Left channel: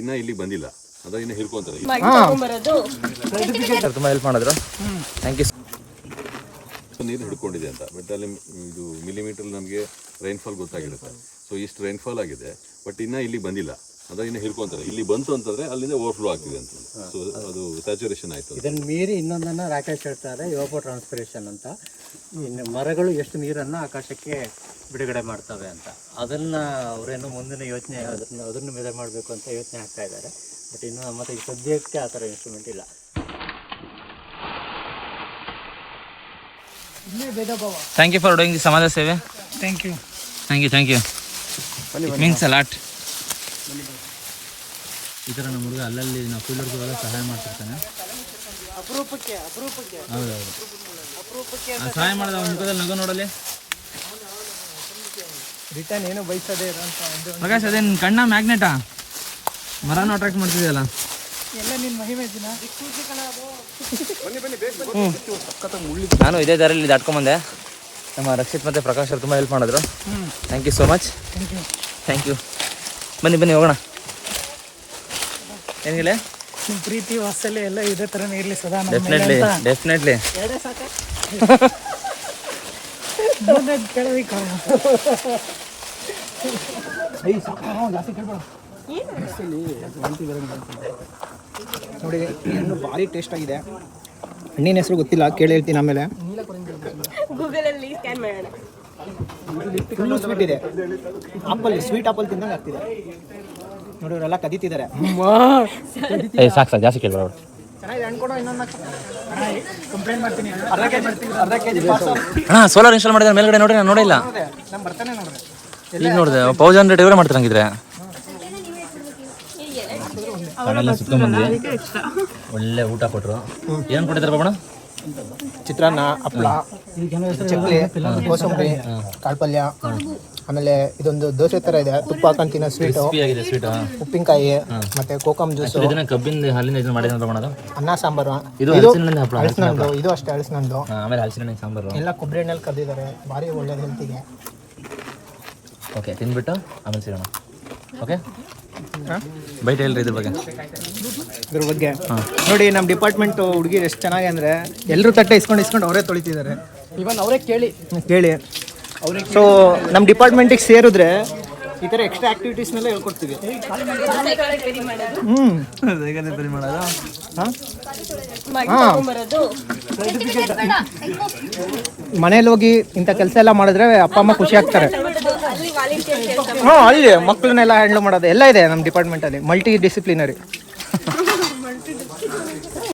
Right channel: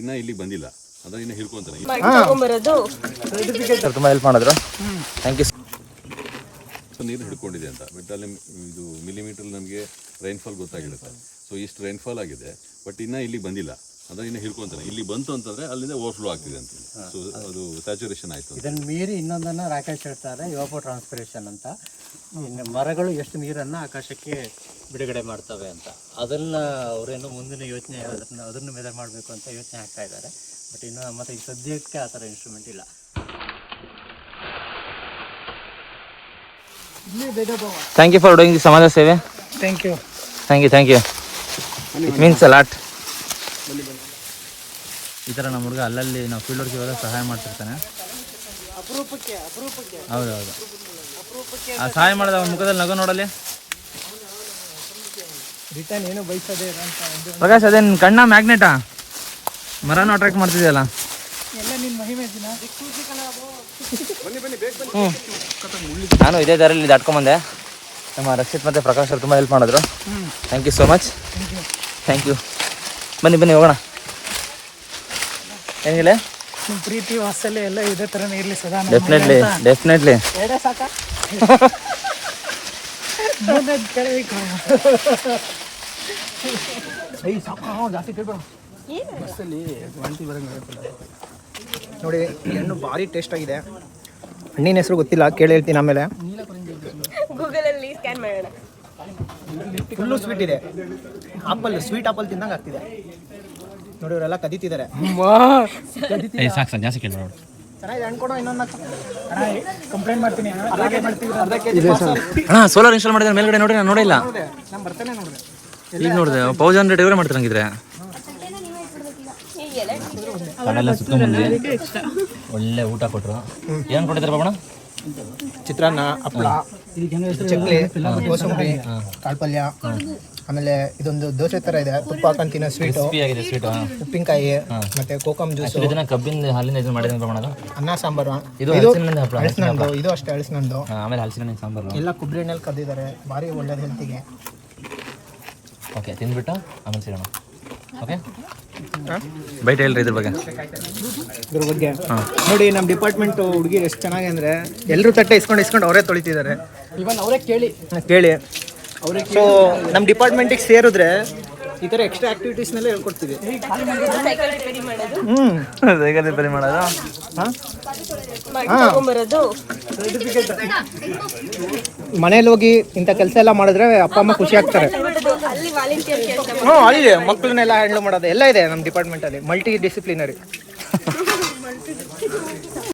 ಇನ್ನ ಇಲ್ಲಿ ಬಂದಿಲ್ಲ, ಅದ ಇನ್ನ ಹಿಡ್ಕೊಂತಾರೆ. ತುಂಬ ಹೆಲ್ಪ್ ಮಾಡಿದ್ರು, ಥ್ಯಾಂಕ್ ಯು. ನೀರು ಹಿಡ್ಕೊಂಡಿದೆ ಅಂತ, ಬಟ್ ಅಲ್ಲಿ ಇದು ಮಿಲಿಮೀಟರ್ ನಮಗೆ ರೈನ್ಫಾಲ್ ಗೊತ್ತಾಗಿರುತ್ತೆ. ಸೊ ಇಷ್ಟು ರೈನ್ಫಾಲ್ ಆಗಿದೆ, ಬಟ್ ಇನ್ನ ಇಲ್ಲಿ ಬಂದಿಲ್ಲ, ಅದ ಇನ್ನ ಹಿಡ್ಕೊಂತಾರೆ. ಇಲ್ಲಿ ಬಂತು ಅಂತಂದ್ರೆ ಅಲ್ಲಿಂದ ಓವರ್ಫ್ಲೋ ಆಗ್ತಿದೆ ಅಂತ. ಸೊ ಅದು ಸ್ಯಾಚುರೇಷನ್ ಆಯ್ತು. ಇದನ್ನು ಮೀರಿ ಇನ್ನೊಂದನ್ನು ರಾಕೇಶ್ ಹೇಳ್ತಾರೆ, ಯೋಪೋ ಟ್ರಾನ್ಸ್ಪಿರೇಷನ್ ಅಂತ. ಇನ್ನು ಮರಗಳು ಎಷ್ಟು ನೀರನ್ನು ಆಕಾಶಕ್ಕೆ ಬಿಡುಗಡೆ ಮಾಡ್ತವೆ ಅಂತ, ಅದನ್ನು ಅವರೇನು ಮುಂದಿನ ಯೋಚನೆ ಅದನ್ನು ಮೆಜರ್ ಮಾಡಬೇಕು ಅಂತ ಯೋಚನೆ ಆಗ್ತಾ ಇದ್ದಾರೆ. ಬಟ್ ಇನ್ನು ನಮ್ಮ ಹತ್ರ ಈ ಸದ್ಯಕ್ಕೆ ಆ ಥರ ಇನ್ಸ್ಟ್ರೂಮೆಂಟ್ ಇಲ್ಲ. Thank you for doing the ಸಮಾಜ ಸೇವೆ. Thank you. It means a lot. ಈ ಥರ ನಮ್ಮ ಹುಡುಗ ಅಲ್ಲಲ್ಲಿ ನಾವು ಫೀಲ್ಡ್ ವರ್ಕ್ ಇವಾಗ ಸಹಾಯ ಮಾಡ್ತಿರ್ತಾನೆ. ಹೌದು, ಆ ಸಹಾಯ ಮಾಡಿದ ಮುಖದಲ್ಲಿ ನಗು ನೋಡಲಿ. ರಿಟರ್ನ್ ಏನು ಬಯಸೋದೇ ಪ್ರಕಾಶ್, ಅದೇನು ಕಣ್ಣ ಮ್ಯಾಗ್ನೆಟಾ? ಮರನೂ ಅಟ್ರಾಕ್ಟ್ ಮಾಡ್ತಿದೆಯಲ್ಲ. ಎಲ್ಲ ನಿನ್ನ ಮಹಿಮೆ ದಿನ. ನಾನು ಇದೇ ದಾರಿಯಲ್ಲಿ ದಾಟ್ಕೊಂಬಂದೆ. ನಮ್ಮ ರಕ್ಷಿತ್ ಮತ್ತು ಪ್ರಕಾಶ್ ಅವರು ತುಂಬ ಹೆಲ್ಪ್ ಮಾಡಿದ್ರು. Thank you so much. Thank you. ಬನ್ನಿ ಹೋಗೋಣ. ಏನಿಲ್ಲ, ನಿಮ್ಮ ಪ್ರೀತಿ ವಾತ್ಸಲ್ಯ ಎಲ್ಲ ಇದೇ ಥರನೇ ಇರಲಿ ಸದಾ. ಡೆಫಿನೆಟ್ಲಿ. ನೋಡಿ, ಇನ್ನು ಭಾರಿ ಟೇಸ್ಟ್ ಆಗಿದೆ. ಹಣ್ಣಿನ ಹೆಸರು ಗೊತ್ತಿಲ್ಲ, ಕೇಳಿ ಹೇಳ್ತೀನಿ ಆಮೇಲೆ. ಫುಲ್ಲು ಸ್ವೀಟ್ ಇದೆ. ಸ್ವೀಟ್ ಆಪಲ್ ತಿಂದಂಗೆ ಆಗ್ತಿದೆ. ನೋಡಿ, ಇವರೆಲ್ಲ ಕದೀತಿದ್ದಾರೆ. ಸಾಕು ಜಾಸ್ತಿ ಕೇಳ್ಬೇಡ. ಚೆನ್ನಾಗಿದೆ, ಅನ್ಕೊಡೋ ಇನ್ನೊಂದು ಕಂಪ್ಲೇಂಟ್ ಮಾಡ್ತೀನಿ. ಅರ್ಧ ಕೆಜಿ ಪಾರ್ಸಲ್. ಅಣ್ಣ, ಸೋಲಾರ್ ಇನ್ಸ್ಟಾಲ್ ಮಾಡಿದ್ರೆ ಮೇಲ್ಗಡೆ ನೋಡ್ರಿ, ನಾನು ನೋಡಿಲ್ಲ. ನಾನು ಬರ್ತಾನೆ ನೋಡ್ರಿ. ಈಗ ನೋಡಿದೆ 1000 ಡೆಲಿವರಿ ಮಾಡ್ತಾರಂಗಿದ್ರೆ. ಕಡೆಲ್ಲ ಸುತ್ಕೊಂಡ್ಬಂದ್ವಿ, ಒಳ್ಳೆ ಊಟ ಕೊಟ್ಟರು. ಏನು ಕೊಟ್ಟಿದ್ದಾರೆ ಬಾಬಣ್ಣ? ಚಿತ್ರಾನ್ನ, ಹಪ್ಪಳ, ಚಕ್ಲಿ, ಕೋಸಂಬರಿ, ಕಾಳ್ಪಲ್ಯ, ಆಮೇಲೆ ಇದೊಂದು ದೋಸೆ ತರ ಇದೆ, ತುಪ್ಪ ಹಾಕೊಂಡು ತಿನ್ನೋ ಸ್ವೀಟು, ಉಪ್ಪಿನಕಾಯಿ, ಮತ್ತೆ ಕೋಕಮ್ ಜ್ಯೂಸ್, ಕಬ್ಬಿನ ಹಾಲಿಂದ ಇದನ್ನ ಮಾಡಿದ್ರೆ ಅನ್ನ ಸಾಂಬಾರು. ಇದು ಹಳಸಿನಂದು, ಇದು ಅಷ್ಟೇ ಹಳಸಿನಂದು. ಆಮೇಲೆ ಹಲಸಿನ ಸಾಂಬಾರು ಎಲ್ಲ ಕೊಬ್ಬರಿ ಎಣ್ಣೆಲಿ ಕದ್ದಿದ್ದಾರೆ. ಭಾರಿ ಒಳ್ಳೇದು ಹೆಲ್ತಿಗೆ. ಓಕೆ, ತಿಂದ್ಬಿಟ್ಟು ಆಮೇಲೆ ಸಿಗೋಣ. ಓಕೆ, ಬೈಟ್ ಹೇಳ್ರಿ ಇದ್ರ ಬಗ್ಗೆ. ನೋಡಿ, ನಮ್ಮ ಡಿಪಾರ್ಟ್ಮೆಂಟ್ ಹುಡುಗಿರು ಎಷ್ಟು ಚೆನ್ನಾಗಿ ಅಂದರೆ ಎಲ್ಲರೂ ತಟ್ಟೆ ಇಸ್ಕೊಂಡು ಅವರೇ ತೊಳಿತಿದ್ದಾರೆ. ಇವನ್ ಅವರೇ ಕೇಳಿ ಸೊ ನಮ್ಮ ಡಿಪಾರ್ಟ್ಮೆಂಟಿಗೆ ಸೇರಿದ್ರೆ ಈ ಥರ ಎಕ್ಸ್ಟ್ರಾ ಆ್ಯಕ್ಟಿವಿಟೀಸ್ನೆಲ್ಲ ಹೇಳ್ಕೊಡ್ತೀವಿ. ರಿಪೇರಿ ಮಾಡೋದು, ಮನೇಲಿ ಹೋಗಿ ಇಂಥ ಕೆಲಸ ಎಲ್ಲ ಮಾಡಿದ್ರೆ ಅಪ್ಪ ಅಮ್ಮ ಖುಷಿ ಆಗ್ತಾರೆ. ಅಲ್ಲಿ ಮಕ್ಕಳನ್ನೆಲ್ಲ ಹ್ಯಾಂಡಲ್ ಮಾಡೋದು ಎಲ್ಲ ಇದೆ ನಮ್ಮ ಡಿಪಾರ್ಟ್ಮೆಂಟಲ್ಲಿ. Multi disciplinary.